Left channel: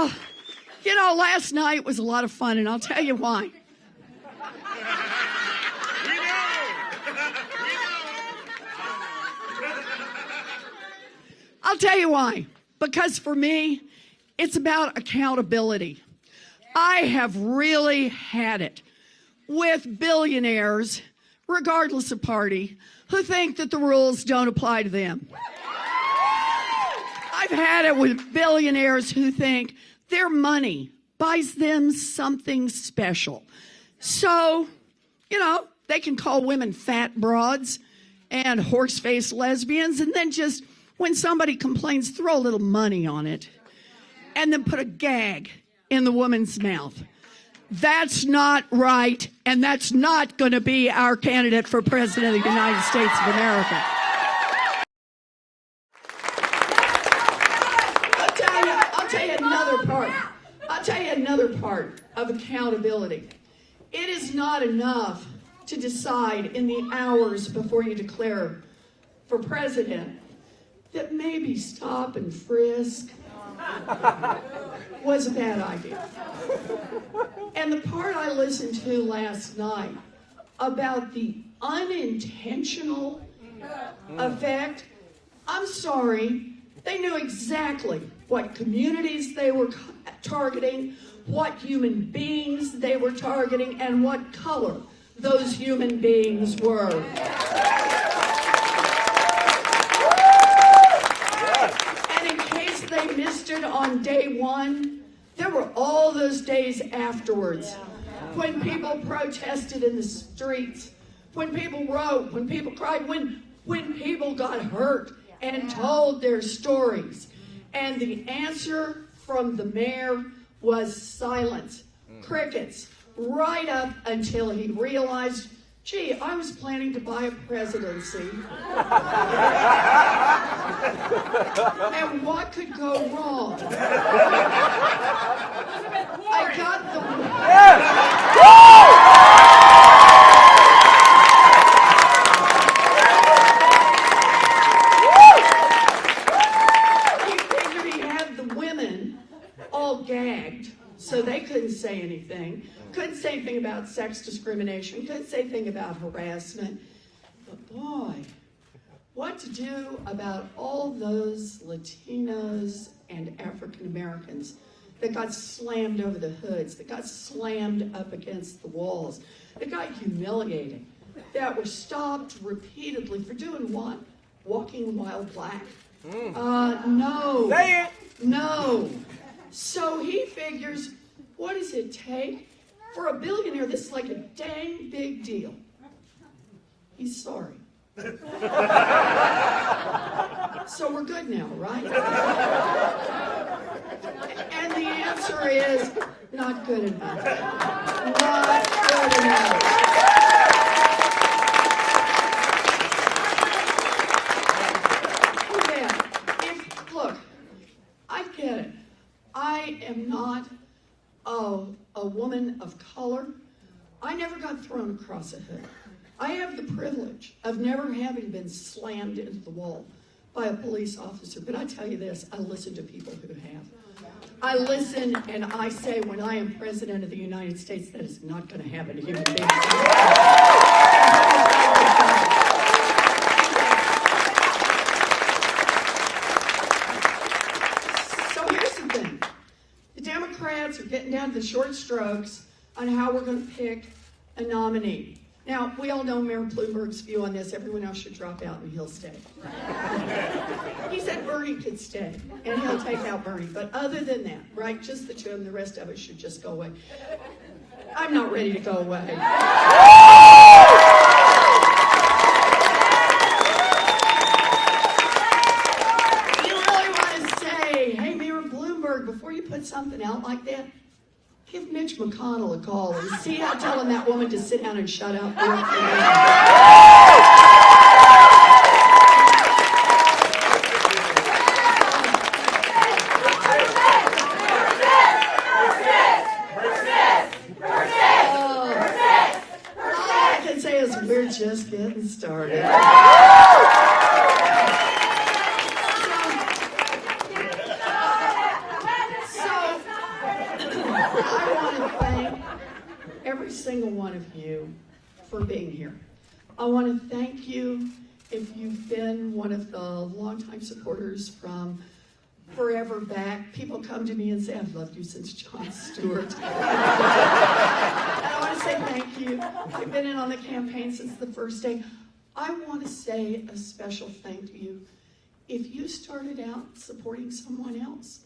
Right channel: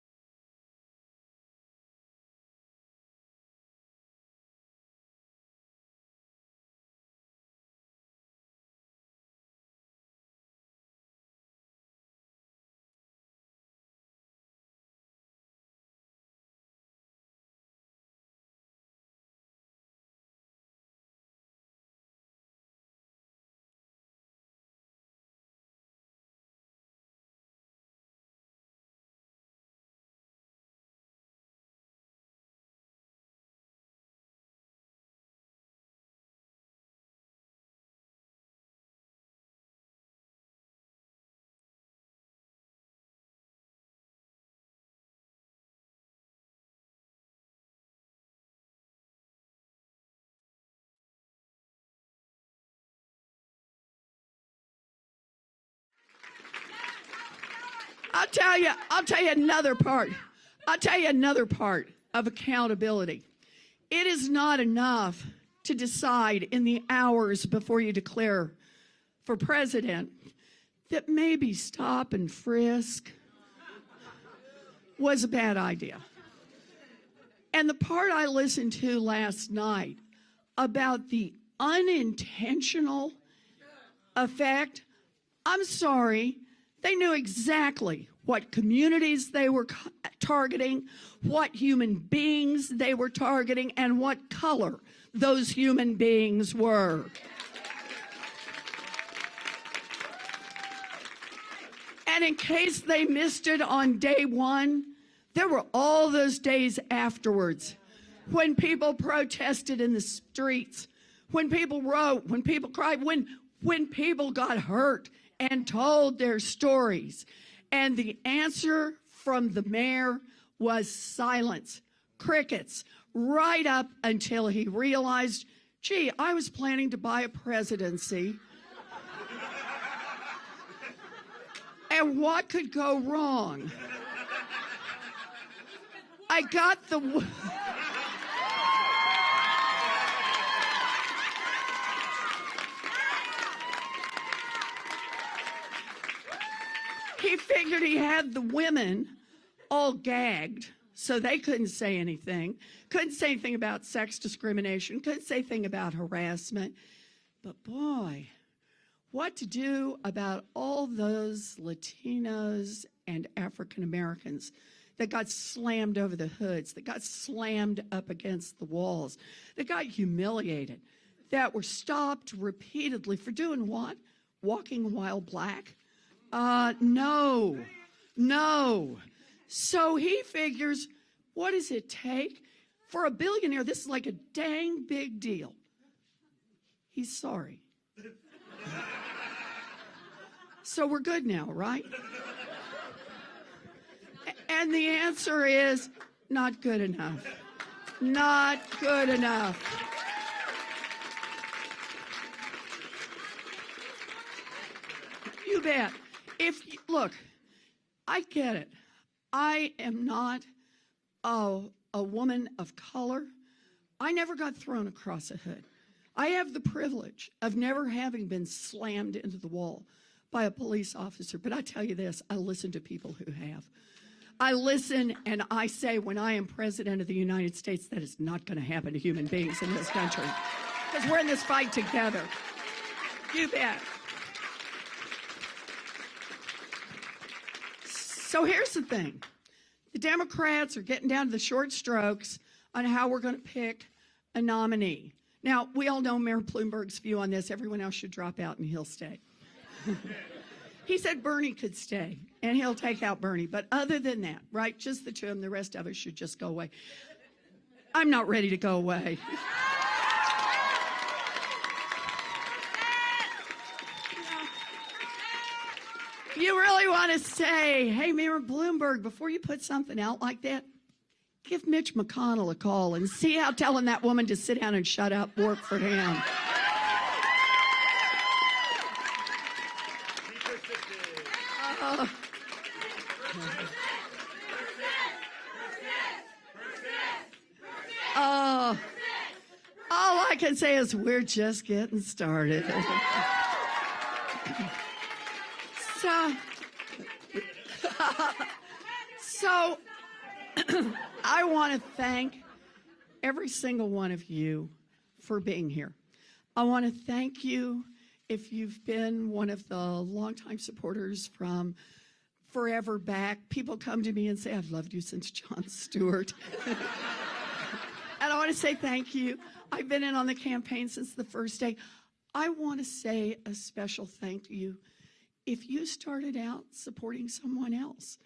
Well, you know, last night was a lot of fun, and I'll tell you why. I'll tell you why. Because for me, it's about accountability. I have really had it with billionaires, regardless of party, who think that the rules don't apply to them. I've had it with billionaires who think their money buys them something special. So, you know, they can call women fat broads and horse-faced lesbians, and then just, when somebody complains, throw a little money on it, and then put a gag in the woman's mouth. That's not right, and that's not going to be our candidate for President of the United States of America. I'll tell you another part. I'll tell you another part of accountability. It is not enough to decide in the hours before you declare for president that maybe stop and frisk was a bad idea. And the part I listened to last night about the unintentional effect, I'm sorry, they knew exactly what communities they were targeting, what human beings they were targeting, and what color those human beings were. And in case they missed it on day one, there were all those days afterwards when people protested in the streets, when people wrote, when people cried, when people got hurt and told their stories. And the answer from the mayor was silence, crickets, right up until he realized, gee, I was planning to buy a presidency. And what could go wrong? I got He figured he had the women all gagged, so they couldn't say anything. Couldn't say anything about sex discrimination, couldn't say anything about harassment. But boy, what to do about all those Latinos and African Americans that got slammed over the hoods, that got slammed up against the walls, that got humiliated, that were stopped repeatedly for doing what? Walking while black? No. Say it. No. So he figures, what does it take? For a billionaire, this is like a dang big deal. He's sorry. So we're good now, right? And the answer is not good enough. Not good enough. Look, I get it. I am not a woman of color. I never got thrown across a hood. I have the privilege of never having been slammed into the wall by a police officer. But I tell you this, I listen to people who have. I listen and I say, when I am president of the United States, that is not going to happen to human beings. So here's the thing. The Democrats are getting down to the short strokes on how we're going to pick a nominee. Now, we all know Mayor Bloomberg's view on this. Everyone else should drop out and he'll stay. He said Bernie could stay, and he'll take out Bernie. But other than that, right, just the two of them, the rest of us should just go away. I'm not ready to go away. You really want to say, hey, Mayor Bloomberg, before you put something out like that, give Mitch McConnell a call and see how telling that woman to sit down and shut up work for him. We're just getting started. So want to thank every single one of you for being here. I want to thank you if you've been one of the longtime supporters from forever back. People come to me and say, I've loved you since Jon Stewart. And I want to say thank you. I've been in on the campaign since the first day. I want to say a special thank you if you started out supporting someone else.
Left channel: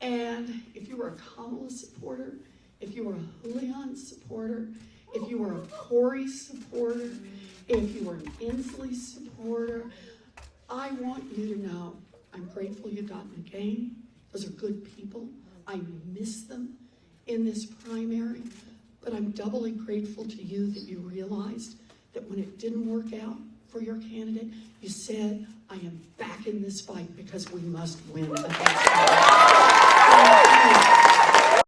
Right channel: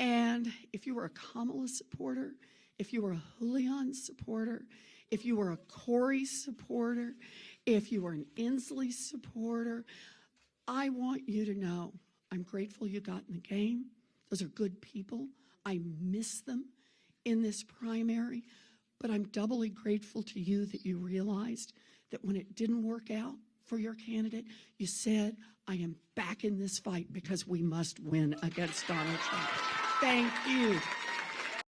And if you were a Kamala supporter, if you were a Julian supporter, if you were a Corey supporter, if you were an Inslee supporter, I want you to know I'm grateful you got in the game. Those are good people. I miss them in this primary, but I'm doubly grateful to you that you realized that when it didn't work out for your candidate, you said, I am back in this fight because we must win against him.